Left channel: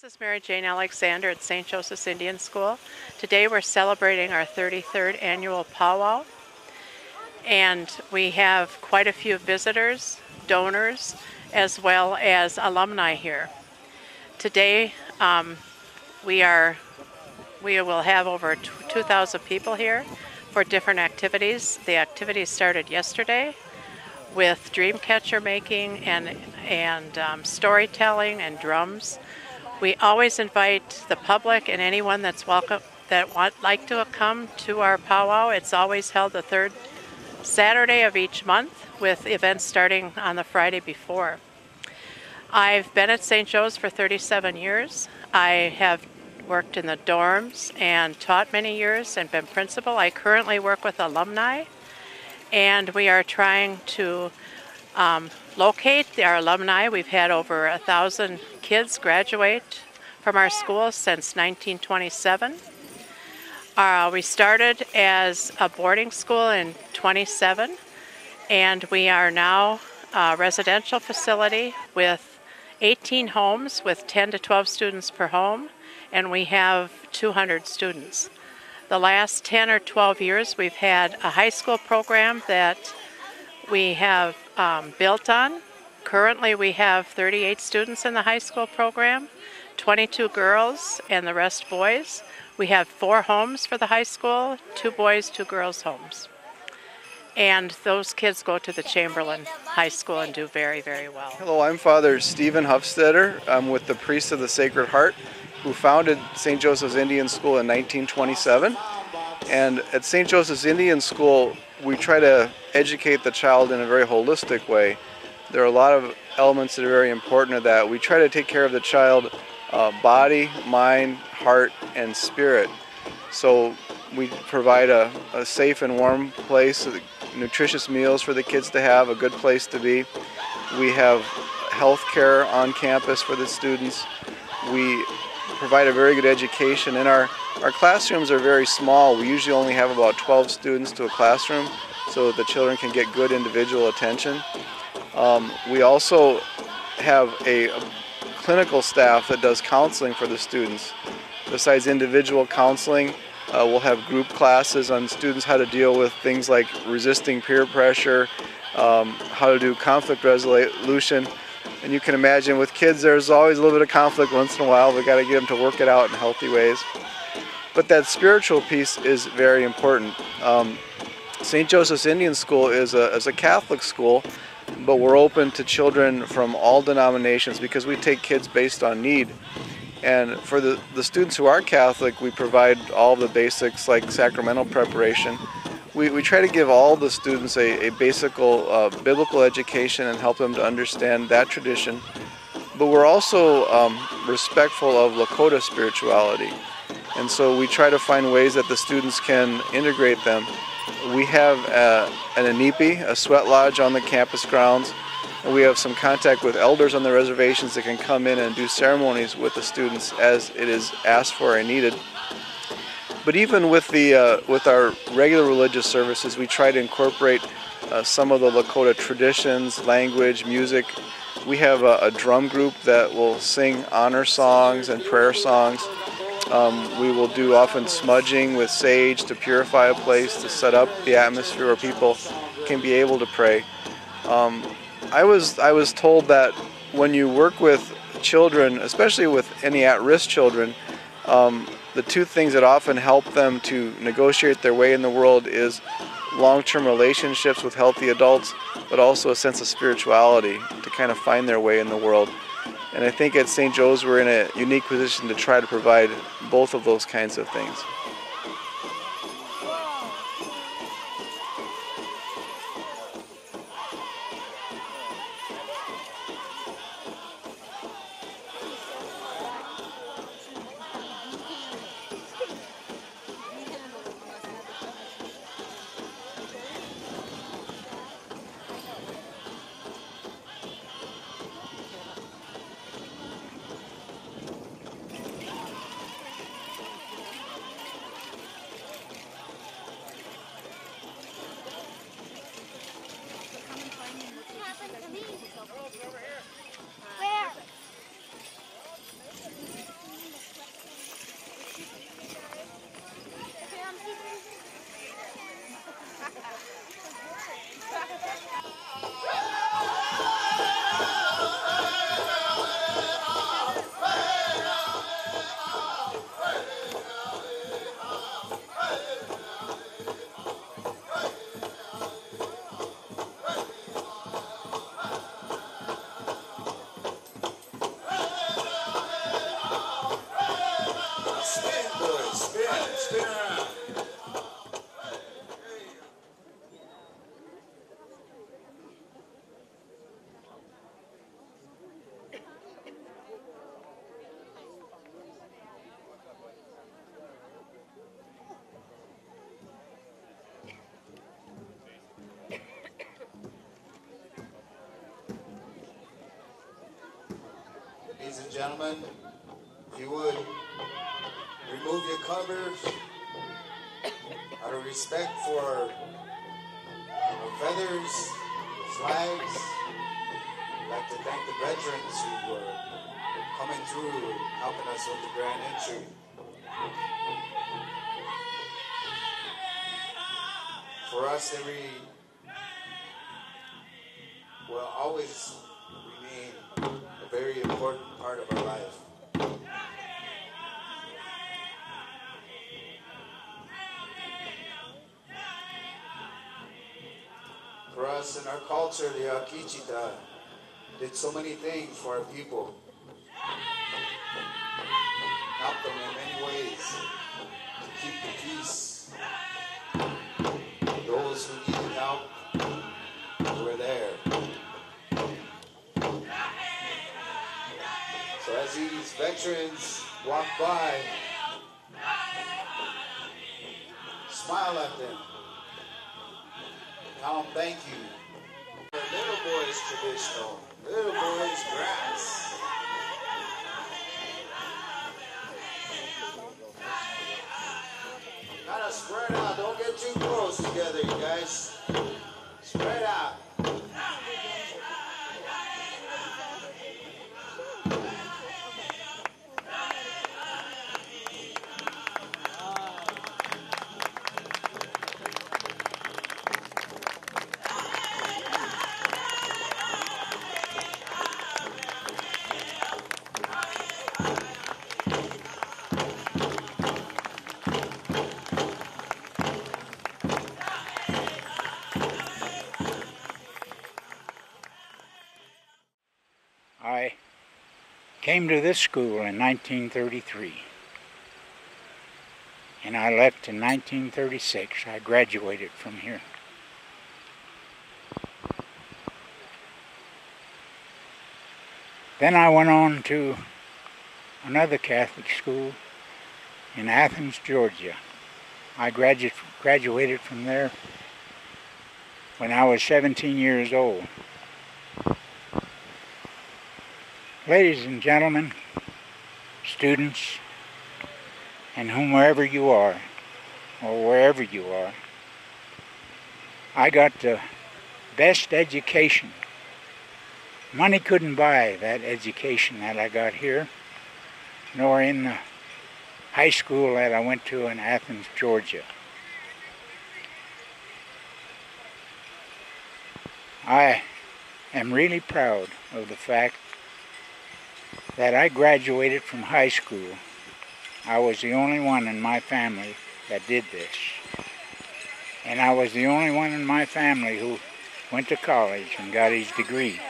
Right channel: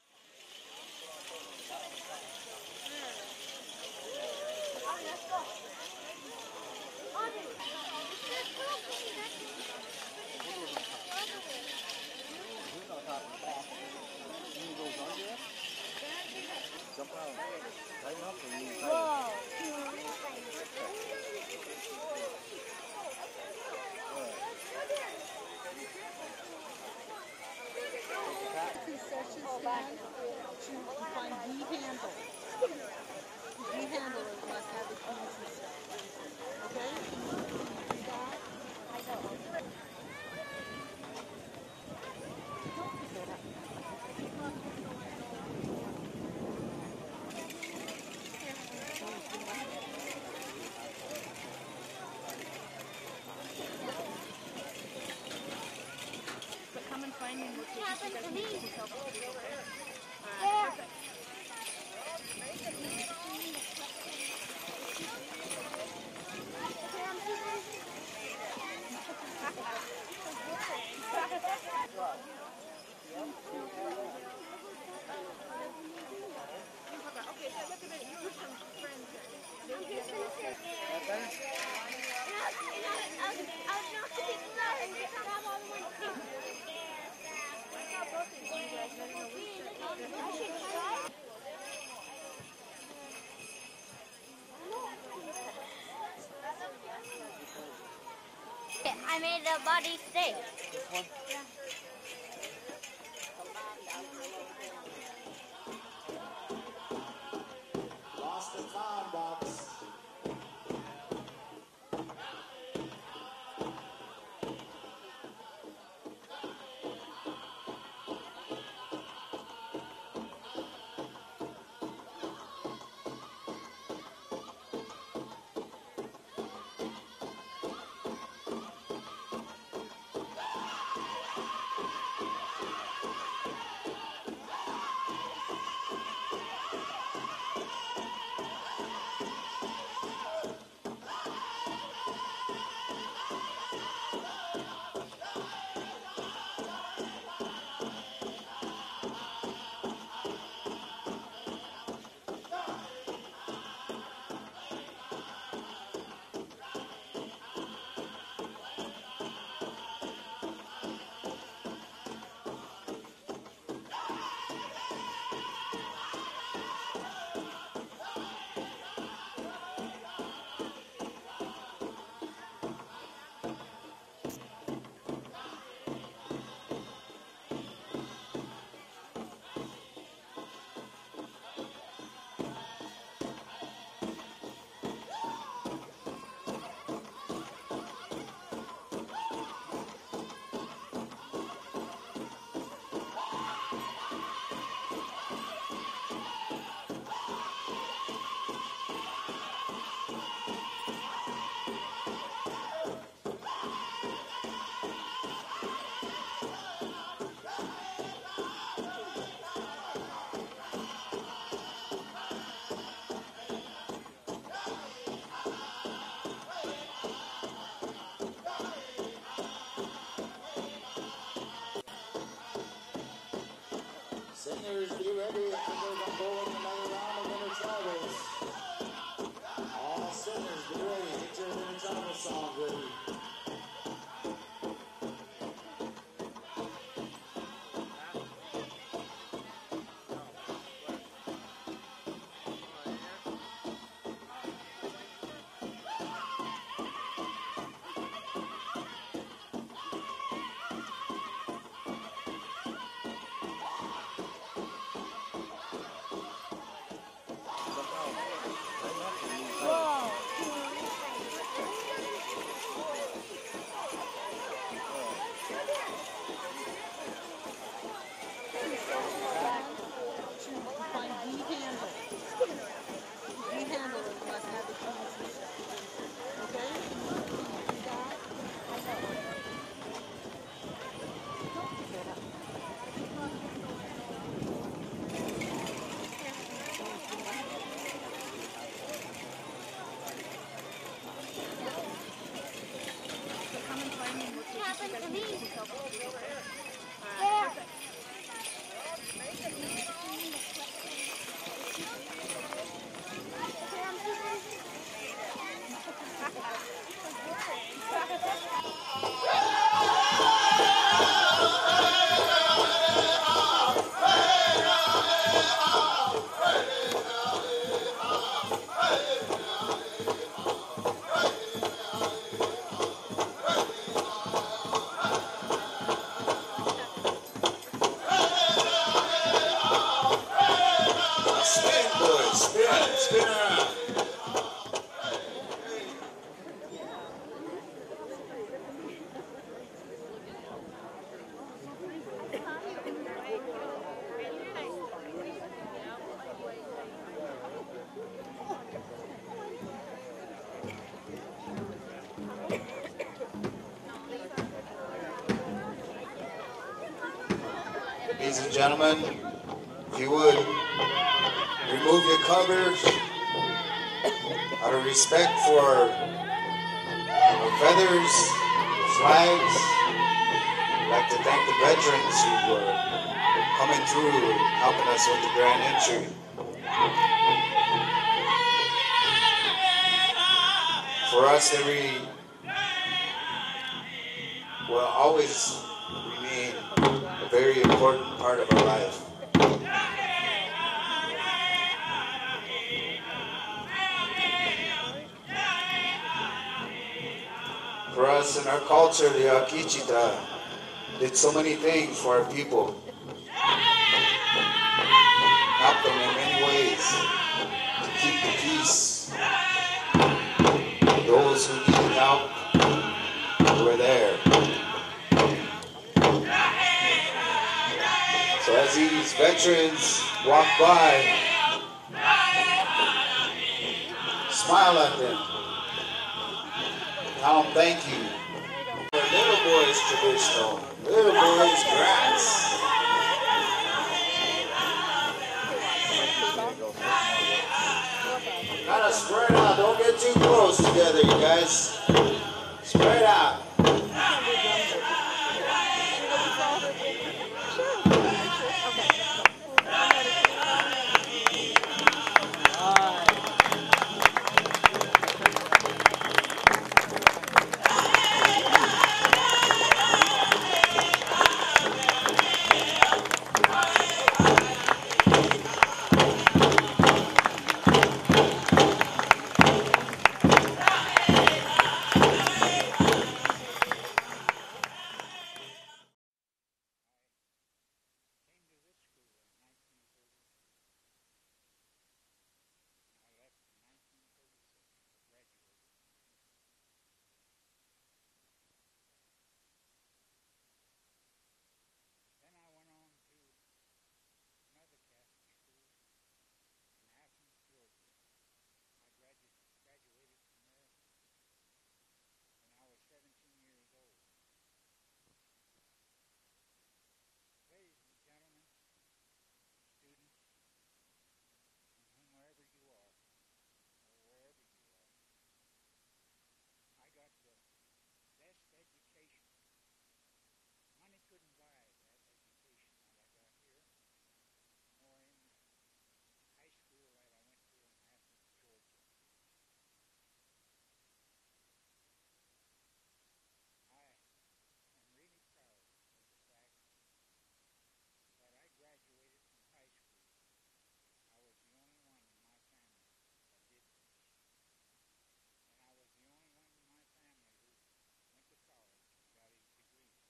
This is Mary Jane Alexander at St. Joseph's Indian School. Today we're celebrating our 33rd annual powwow, and we have quite a few visitors, donors, as well as alumni here. Today we will have over 2,000 people here for different activities. The activities started yesterday with dream catcher making and storytelling and drums. We always invite the public and anyone that's welcome that like to come to our powwow. It's always held the third Saturday of each month with events starting on the Friday before. I've been at St. Joe's for 37 years. I have worked in the dorms and taught many years and been principal. I currently work with alumni, and we are trying to locate our alumni. We've had over 1,000 kids graduate from our school since 1927. We started as a boarding school in 27, and we are now a residential facility with 18 homes with 10 to 12 students per home, and we have 200 students. The last 10 or 12 years we've had a high school program that we have built on. Currently we have 38 students in the high school program, 22 girls and the rest boys. We have 4 homes for the high school, 2 boys, 2 girls homes. And those kids go to the Chamberlain High School and do very, very well. Hello, I'm Father Stephen Huffstetter. I'm with the Priests of the Sacred Heart, who founded St. Joseph's Indian School in 1927. And at St. Joseph's Indian School, we try to educate the child in a very holistic way. There are a lot of elements that are very important to that. We try to take care of the child body, mind, heart, and spirit. So we provide a safe and warm place, nutritious meals for the kids to have, a good place to be. We have health care on campus for the students. We provide a very good education, and our classrooms are very small. We usually only have about 12 students to a classroom so that the children can get good individual attention. We also have a clinical staff that does counseling for the students. Besides individual counseling, we'll have group classes on students how to deal with things like resisting peer pressure, how to do conflict resolution. And you can imagine with kids there's always a little bit of conflict once in a while. We've got to get them to work it out in healthy ways. But that spiritual piece is very important. St. Joseph's Indian School is a Catholic school, but we're open to children from all denominations because we take kids based on need. And for the students who are Catholic, we provide all the basics like sacramental preparation. We try to give all the students a basic biblical education and help them to understand that tradition. But we're also respectful of Lakota spirituality. And so we try to find ways that the students can integrate them. We have an inipi, a sweat lodge on the campus grounds. And we have some contact with elders on the reservations that can come in and do ceremonies with the students as it is asked for and needed. But even with our regular religious services, we try to incorporate some of the Lakota traditions, language, music. We have a drum group that will sing honor songs and prayer songs. We will do often smudging with sage to purify a place, to set up the atmosphere where people can be able to pray. I was told that when you work with children, especially with any at-risk children, the 2 things that often help them to negotiate their way in the world is long-term relationships with healthy adults, but also a sense of spirituality to kind of find their way in the world. And I think at St. Joe's we're in a unique position to try to provide both of those kinds of things. Ladies and gentlemen, if you would remove your covers out of respect for our feathers, the flags. I'd like to thank the veterans who were coming through and helping us with the grand entry. For us, will always remain a very important part of our life. For us in our culture, the Akichita did so many things for our people. Helped them in many ways to keep the peace. Those who needed help were there. So as these veterans walk by, smile at them. Tell them thank you. Little boys traditional, little boys grass. Gotta spread out, don't get too close together, you guys. Spread out. I came to this school in 1933, and I left in 1936. I graduated from here. Then I went on to another Catholic school in Athens, Georgia. I graduated from there when I was 17 years old. Ladies and gentlemen, students, and whomever you are, or wherever you are, I got the best education. Money couldn't buy that education that I got here, nor in the high school that I went to in Athens, Georgia. I am really proud of the fact that I graduated from high school. I was the only one in my family that did this. And I was the only one in my family who went to college and got his degree.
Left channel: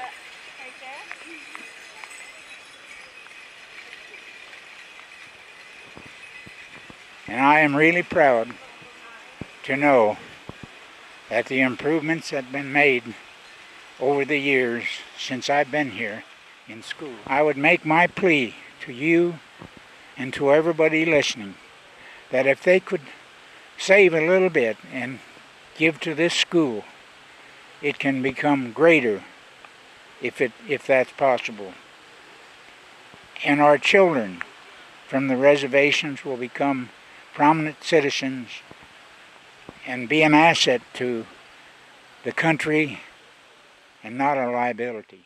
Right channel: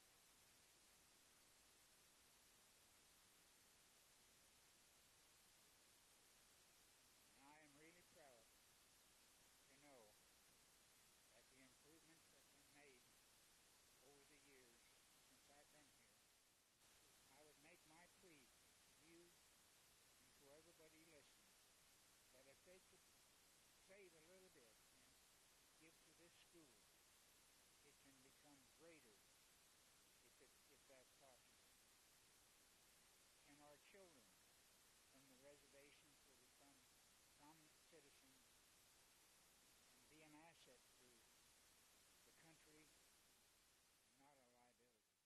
And I am really proud to know that the improvements that have been made over the years since I've been here in school. I would make my plea to you and to everybody listening that if they could save a little bit and give to this school, it can become greater if that's possible. And our children from the reservations will become prominent citizens and be an asset to the country and not a liability.